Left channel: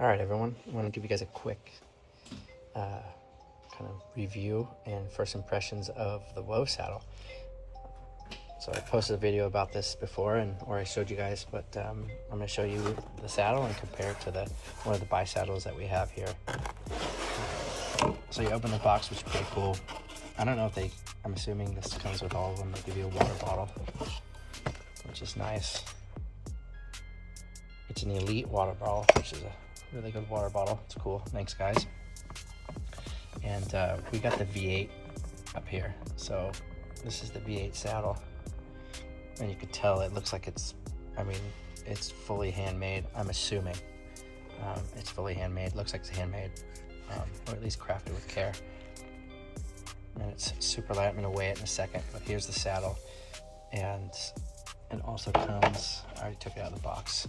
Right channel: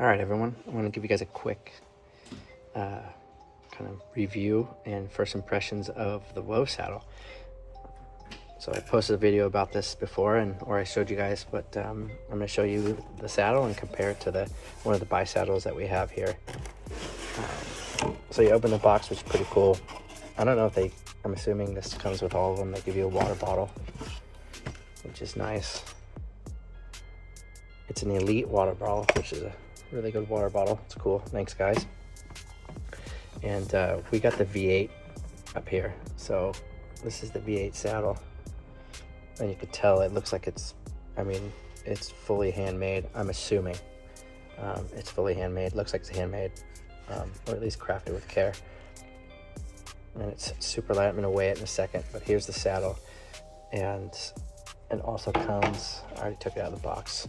All right, everyone, I want to give you guys a quick kind of review and first impressions of the Wove saddle. So I posted a video about this before, or I showed you guys, but I'm going to show you the saddle and compare it to one of the bi saddles that we have here. So you open the box, which is pretty cool. I don't know if I'm assuming this comes with all of them. They give you a water bottle, which is nice. It's an elite water bottle, which is a really good water bottle. It's cool. Thanks, guys. And we got the V8 up here. So this is the V8 saddle. And you can tell it looks like it's fully handmade. I'm assuming it's fully handmade. Looks like it's handmade, or at least crafted with care. And it's super light. I'm gonna weigh it in a second, but here's the saddle. And it also comes, I already took it out of the box,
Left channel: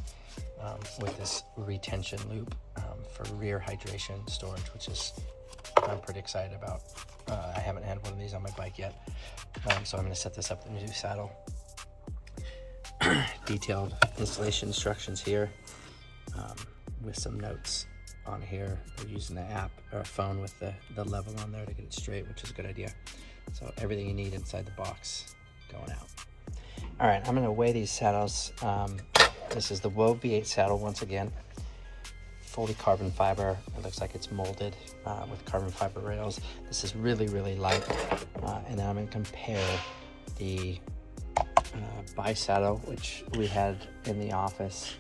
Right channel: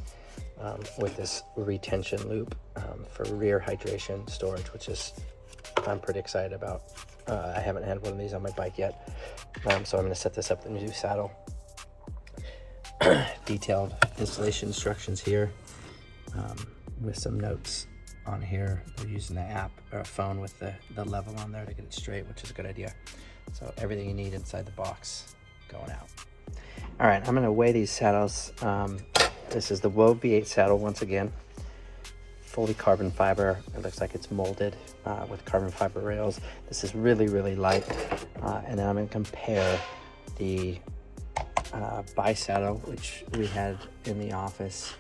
with this retention loop for rear hydration storage, which is, I'm pretty excited about. I haven't had one of these on my bike yet. So I'm gonna set this up in the new saddle. Detailed installation instructions here, with some notes on here. They're using an app or a phone with the level on there to get it straight, which is a good idea. So everything you need inside the box going out. All right, I'm gonna weigh these saddles. This is the Wove V8 saddle once again, fully carbon fiber. It looks like it's molded with carbon fiber rails. This is really, really light. And then I'm gonna compare the bi saddle, which we had in the office.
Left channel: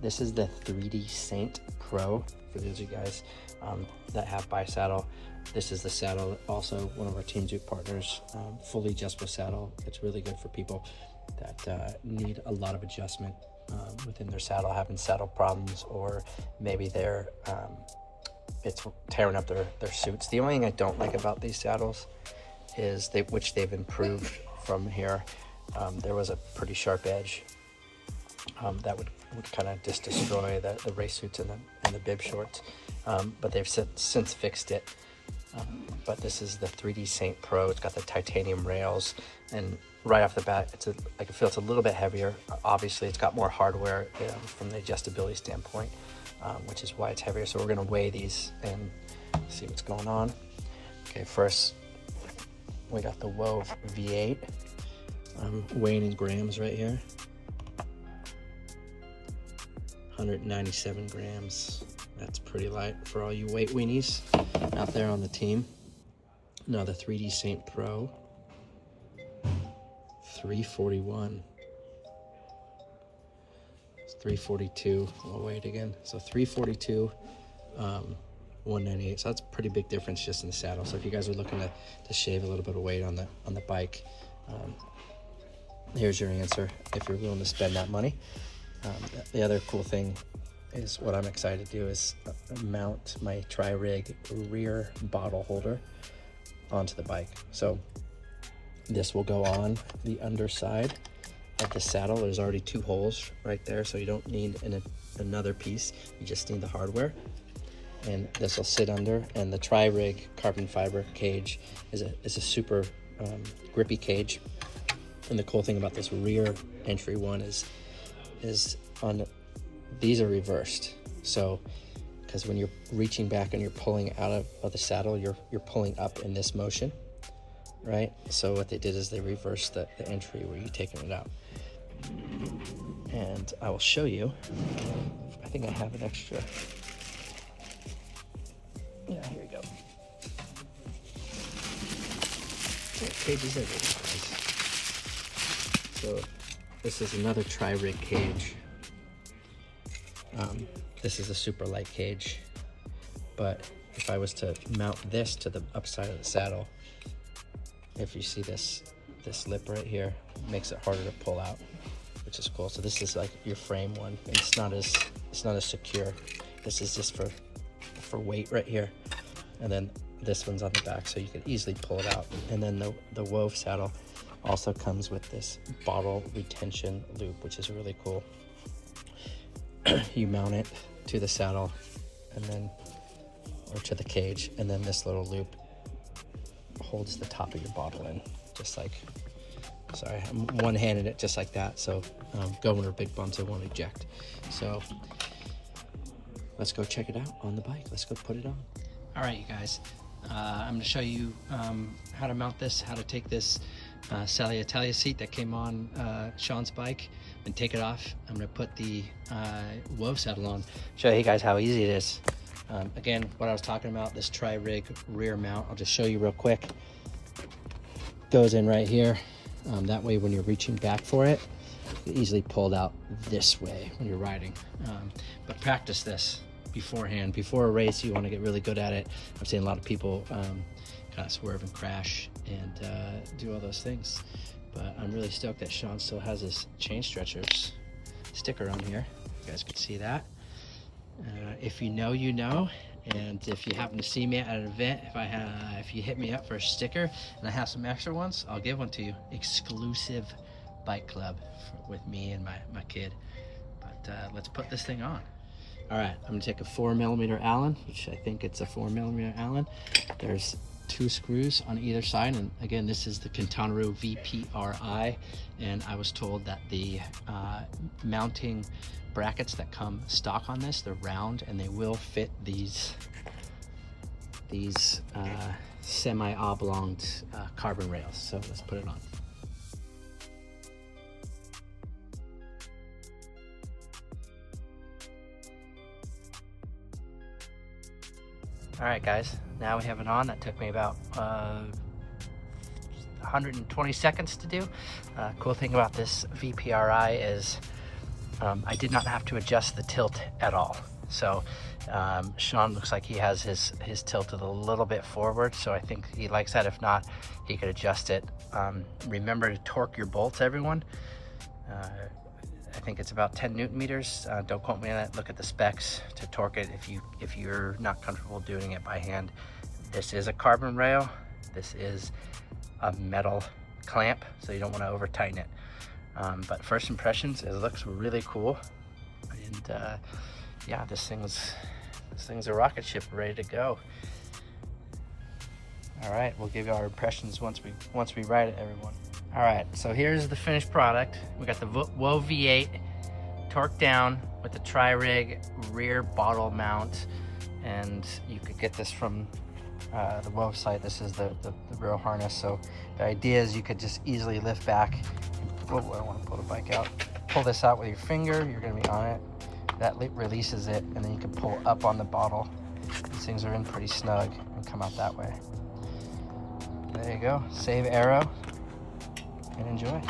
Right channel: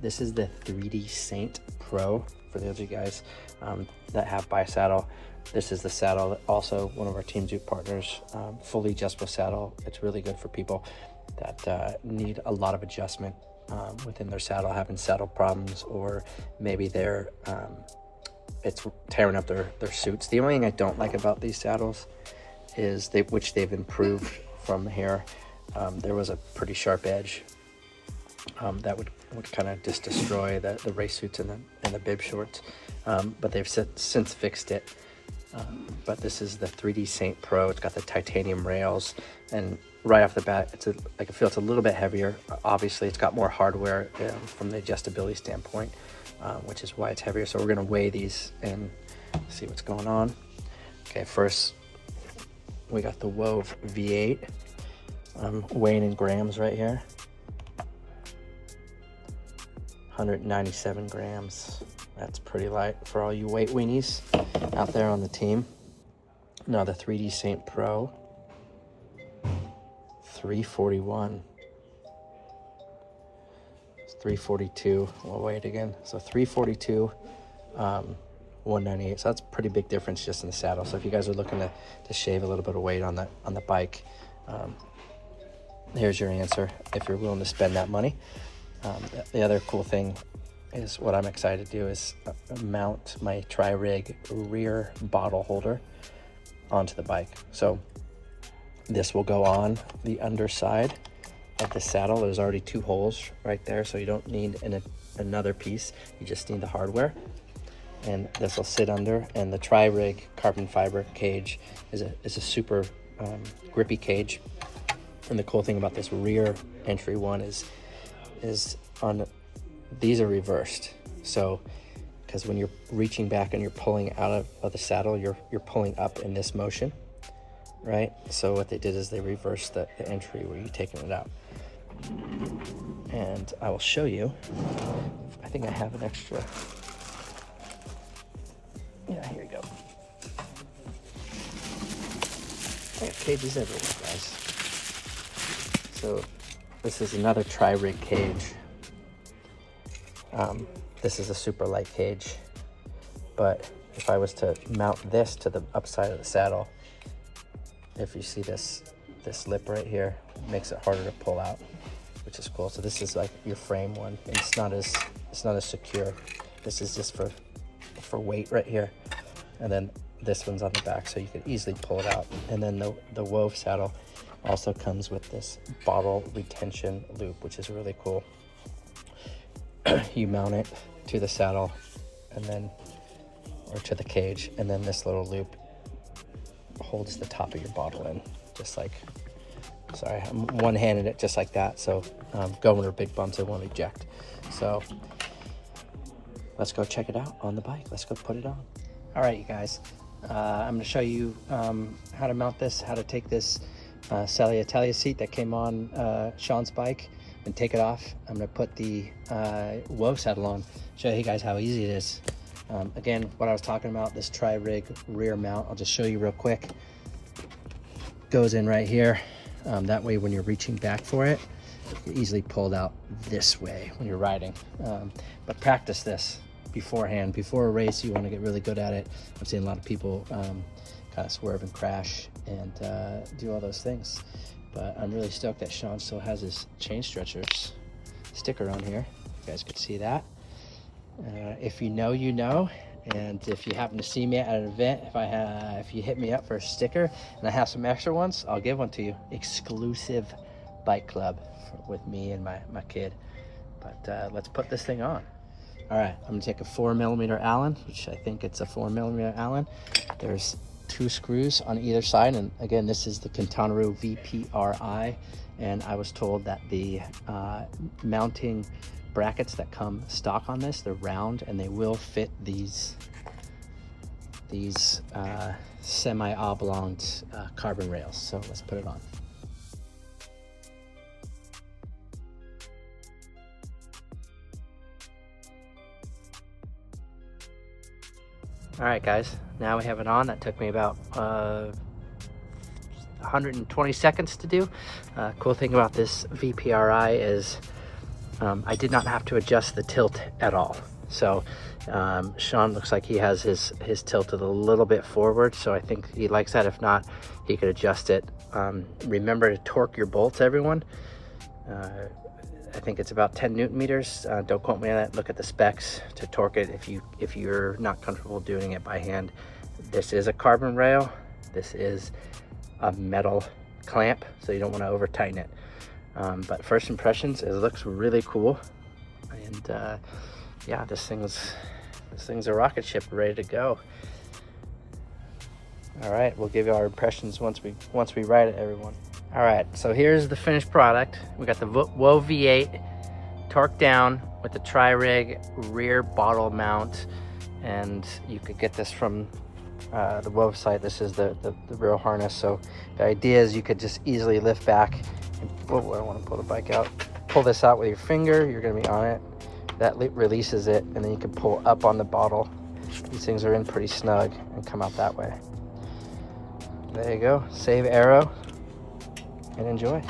This is the 3D Saint Pro, for those of you guys that have bi saddle. This is the saddle that also one of our Team Zoot partners, fully adjustable saddle. It's really good for people that need a lot of adjustment within their saddle, having saddle problems, or maybe it's tearing up their suits. The only thing I don't like about these saddles is which they've improved from here. There was a pretty sharp edge that would kind of just destroy the race suits and the bib shorts, but they've since fixed it. But this is the 3D Saint Pro. It's got the titanium rails, and right off the bat, I can feel it's a little bit heavier. Obviously, it's got more hardware from the adjustability standpoint, which is why it's heavier. So we're gonna weigh these and see what's going on. Okay, first we got the Wove V8. I'm weighing in grams right here. 197 grams. That's pretty light for all you weight weenies out there on the team. Now the 3D Saint Pro, 341. It's 342. We'll weigh it again. So 342, 198. So that's a pretty big difference just in the saddle. So if you guys are looking to shave a little bit of weight on the bike, here's your answer if you're willing to spend that money. The other cool thing is, what I'm excited to do is mount my tri-rig rear bottle holder onto the bike. So this will go on the underside of the saddle. There's already 2 holes right there, so you don't need another piece. You just need the hardware. And this will sit under, and the tri-rig carbon fiber cage is a super grippy cage. And the cool thing about this rear entry one is these are reversed. So, because when you're reaching back and you're pulling out of the saddle, you're pulling up in this motion, right? So what they did is they reversed the entry where you're taking it out. And I will show you. I think I have an extra. Yeah, here you go. Cages everywhere, guys. So this is another tri-rig cage. This is a super light cage, but if I was to mount this to the upside of the saddle, if you see this lip right here, it makes it harder to pull out, which is cool. So this is like your frame one, and it's not as secure. This is just for weight right here, and then this one's on the back, so you could easily pull it out. And then the Wove saddle also comes with this bottle retention loop, which is really cool. You mount it to the saddle or to the cage, and then this little loop holds the top of your bottle in, just like, sorry, I'm one-handed it just like that. So going over big bumps, it won't eject. So let's go check it out on the bike. Let's go put it on. All right, you guys, I'm gonna show you how to mount this, how to take this Italia seat that came on Sean's bike and take it off. I'm gonna put the Wove saddle on, show you guys how easy it is. Again, what I was talking about, this tri-rig rear mount, I'll just show you real quick. Goes in right here. That way when you're reaching back for it, you easily pull it out this way when you're riding. But practice this beforehand. Before a race, you want to get really good at it. I've seen a lot of people kind of swerve and crash and do all those things. But I'm really stoked that Sean still has his chain stretcher sticker on here. You guys can see that. If you know, you know. And if you happen to see me at an event, if you hit me up for a sticker and I have some extra ones, I'll give one to you. Exclusive bike club with me and my kid. But let's put this thing on. All right, I'm gonna take a 4mm Allen, which I think it's a 4mm Allen. There's 2 screws on either side, and again, this is the Quintanaru VPRI, and I was told that the mounting brackets that come stock on this, they're round and they will fit these semi-oblong carbon rails. So let's put it on. All right, guys, now we have it on. That took me about 120 seconds to do. Cool thing about this VPRI is I did not have to adjust the tilt at all. So Sean looks like he has his tilted a little bit forward, so I think he likes that. If not, he could adjust it. Remember to torque your bolts, everyone. I think it's about 10 Newton meters. Don't quote me on that. Look at the specs to torque it if you're not comfortable doing it by hand. This is a carbon rail. This is a metal clamp, so you don't want to over tighten it. But first impressions, it looks really cool. And yeah, this thing's a rocket ship ready to go. All right, we'll give you our impressions once we ride it, everyone. All right, so here's the finished product. We got the Wove V8 torqued down with the tri-rig rear bottle mount, and you could get this from the Wove site. This is the real harness. So the idea is you could just easily lift back. Oh, I don't want to pull the bike out. Pull this out with your finger. You're going to be on it. That releases it, and then you can pull up on the bottle. These things are in pretty snug and come out that way. There you go. Save arrow and enjoy.